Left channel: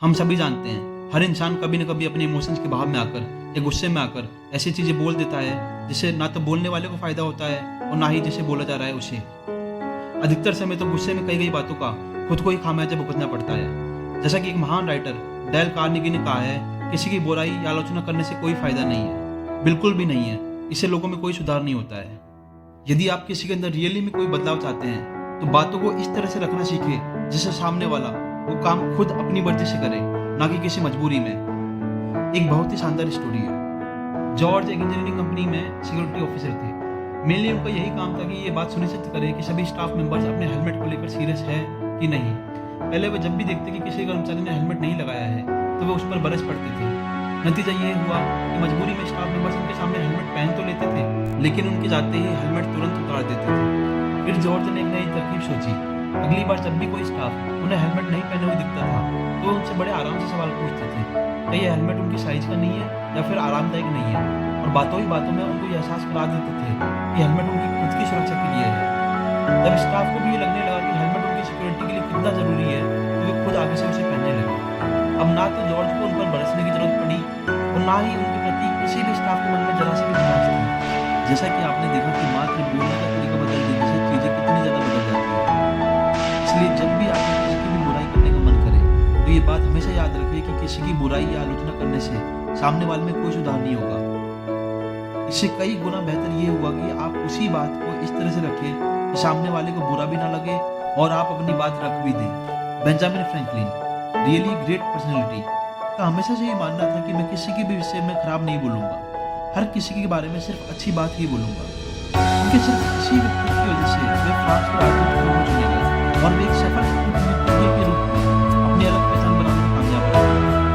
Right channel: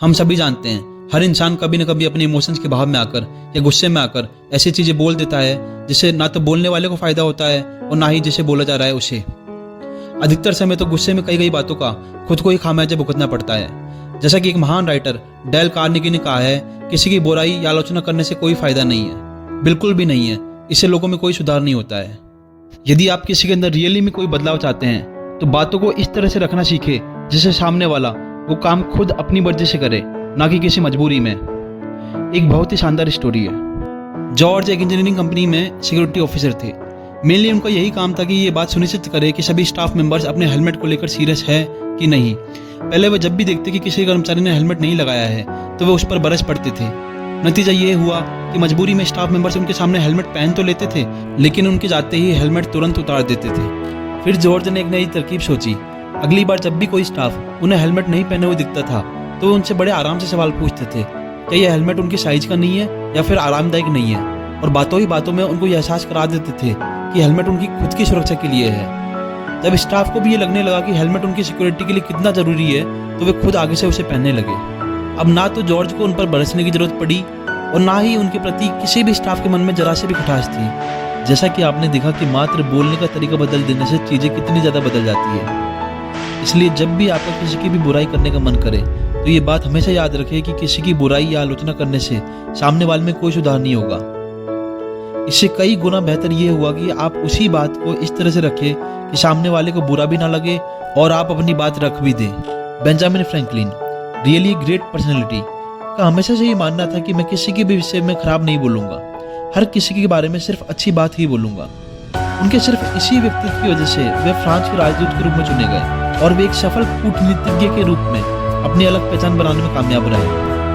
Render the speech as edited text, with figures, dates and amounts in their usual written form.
हम सभी जानते हैं हर इंसान कभी न कभी अपने इमोशंस के भाव में आकर या गुस्से में आकर ऐसी चीज़ें बोल देता है जिससे ना तो बोलने वाले को फ़ायदा होता है और ना ही जिसे बोला जा रहा है उसे। अधिकतर समय तो गुस्से में कई बातों का खुद को ही खामियाजा भुगतना पड़ता है। जैसा कि एक महान राइटर डेल कार्नेगी ने कहा है, किसी की बुराई या आलोचना करने से कोई फ़ायदा नहीं है, बिल्कुल भी नहीं है। इससे लोगों में कोई सुधार नहीं होता है। यदि आप किसी के अंदर रियली में कोई बदलाव चाहते हैं तो बातों को इस तरह से रखना सीखे जिससे सामने वाला वो काम खुद अपनी मर्जी से करे, ना कि किसी मजबूरी में। एक बहुत ही शानदार स्टोरी है। जॉर्ज एक इंजीनियरिंग कंपनी में सिक्योरिटी ऑफिसर थे। मेनली उनका यही काम था कि ये बात सुनिश्चित करे कि सभी स्टाफ मेंबर्स अपने हेलमेट को लेकर सीरियस है कि नहीं। पहले वह जब भी देखते कि किसी कर्मचारी ने हेलमेट नहीं लगाया है तो वे उस पर बरस पड़ते थे। नतीजा ये हुआ कि मजबूरी में स्टाफ मेंबर्स उनके सामने हेलमेट पहन तो लेते थे, लेकिन उनके जाते ही हेलमेट तुरंत उतार देते थे। फिर जॉर्ज ने एक नई तरकीब सोची। अगली बार जब भी कोई स्टाफ उन्हें हेलमेट नहीं पहने हुए दिखता था तो उनसे बड़े आराम से सवाल पूछते थे, क्या यह हेलमेट उनकी साइज का नहीं है या फिर आरामदायक नहीं है, और बातों ही बातों में उनको यह एहसास करा देते थे कि हेलमेट उनकी खुद की सुरक्षा के लिए है। जब स्टाफ को भी ये लगने लगा कि हेलमेट उनकी सिक्योरिटी के लिए कितना जरूरी है तो वे खुद आगे से उसे पहनने लगे। अब ना तो जॉर्ज को उन पर बरसने की जरूरत पड़ी और ना ही उनके प्रति किसी भी स्टाफ के मन में जरा से भी खटास थी। जैसा कि आपने देखा कि मात्र बोलने का तरीका बदल देने से चीज़ें कितनी ज़्यादा बदल जाती है। इसलिए जब भी आपका किसी की भी बुराई करने का मन करे तो ये बात हमेशा याद रखें कि किसी की बुराई या आलोचना करने से सामने वाले में कोई सुधार नहीं होगा। इससे कई गुना बेहतर ये हुआ कि आप उसी बात को इस तरह से रखें कि सामने वाले को बुरा भी ना लगे और आप अपनी बात रख भी दें। Benjamin Franklin, really great personality, का हमेशा से ये मानना था कि मैं किसी के भी विषय में खराब नहीं बोलूँगा, हर किसी के बारे में सिर्फ अच्छी बात ही बोलूँगा। उनके सिर्फ इसी व्यक्तित्व की वजह से वे फ्रांस के राजदूत के रूप में चुने गए और वे एक सफल कूटनीतिज्ञ के रूप में अपनी अलग पहचान बनाने में कामयाब रहे।